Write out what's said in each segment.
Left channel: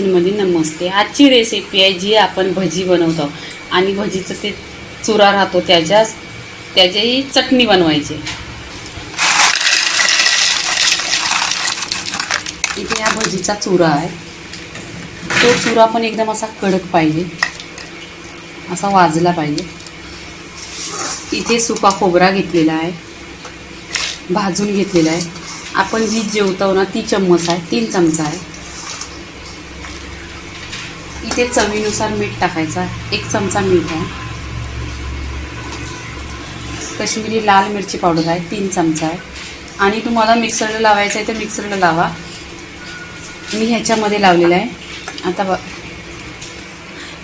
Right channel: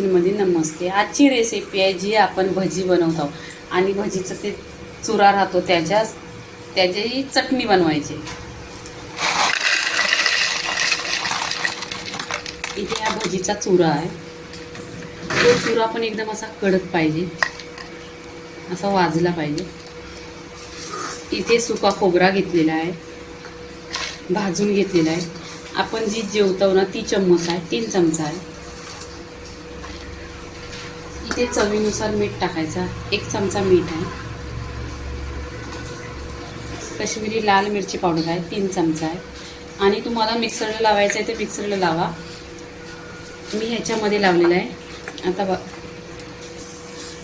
मध्ये नमस्ते. आजची रेसिपी आहे जी आपण भजी बनवतो. आणि भजीचं ते चुरा राहतो त्याच्या त्याच्याही चटणी बनवायची. इथे हा भजीचा चुरा आहे. तो चुरा पण एकदम असा कडक पाहिजे. असा वाजला पाहिजे. इथे सुका खोबरा घेतलेला आहे. भाजून घेतलेलं आहे. आपण जी जेवतो ना ती चम्मच आहे तीन चमचा आहे. इथे चवीनुसार मीठ टाकायचा एक चमचा मीठ आहे. कश्मीरी लाल मिरची पावडर आहे तीन चमचा आहे. आणि तुम्हाला मिक्सरला लावायचं आहे तर मिक्सरला लावा. मी ह्याच्यामध्ये लावलेलं आहे. आता ब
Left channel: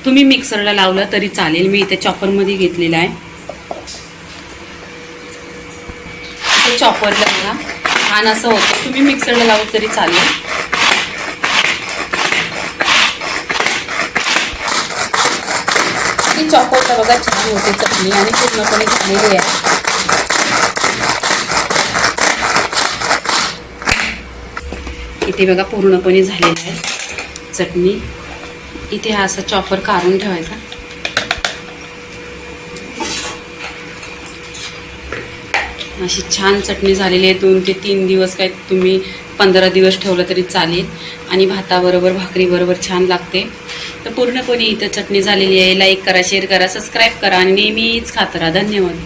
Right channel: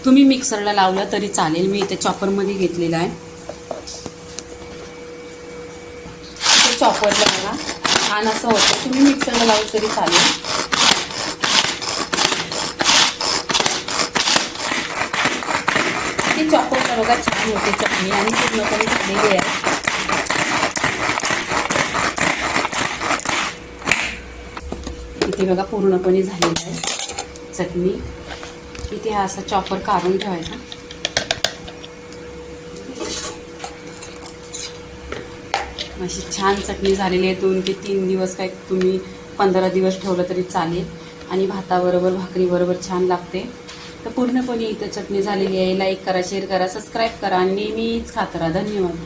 तुम्ही मिक्सरला लावलं तरी चालेल. मी इथे चॉपरमध्ये घेतलेलं आहे इथे चॉपरला बघा छान असं होतं. तुम्ही मिक्सरला लावलं तरी चालेल. ती चॉपरला बघा छान होते चटणी आणि पूर्णपणे झालेली आहे. इथे बघा पूर्णपणे झालेली आहे चटणी. इथे हा असा चॉपर काढून ठेवायचा. अशी छान चटणी झालेली आहे. दोन ते तीन दिवस काय तुम्ही पंधरा दिवस ठेवलं तरी चालेल. आणि भाताबरोबर भाकरीबरोबर छान लागते. तर पूर्णपणे इथं चटणी झालेली आहे. लाईक करा शेअर करा सबस्क्राईब करा आणि नेहमीच खात राहा. धन्यवाद.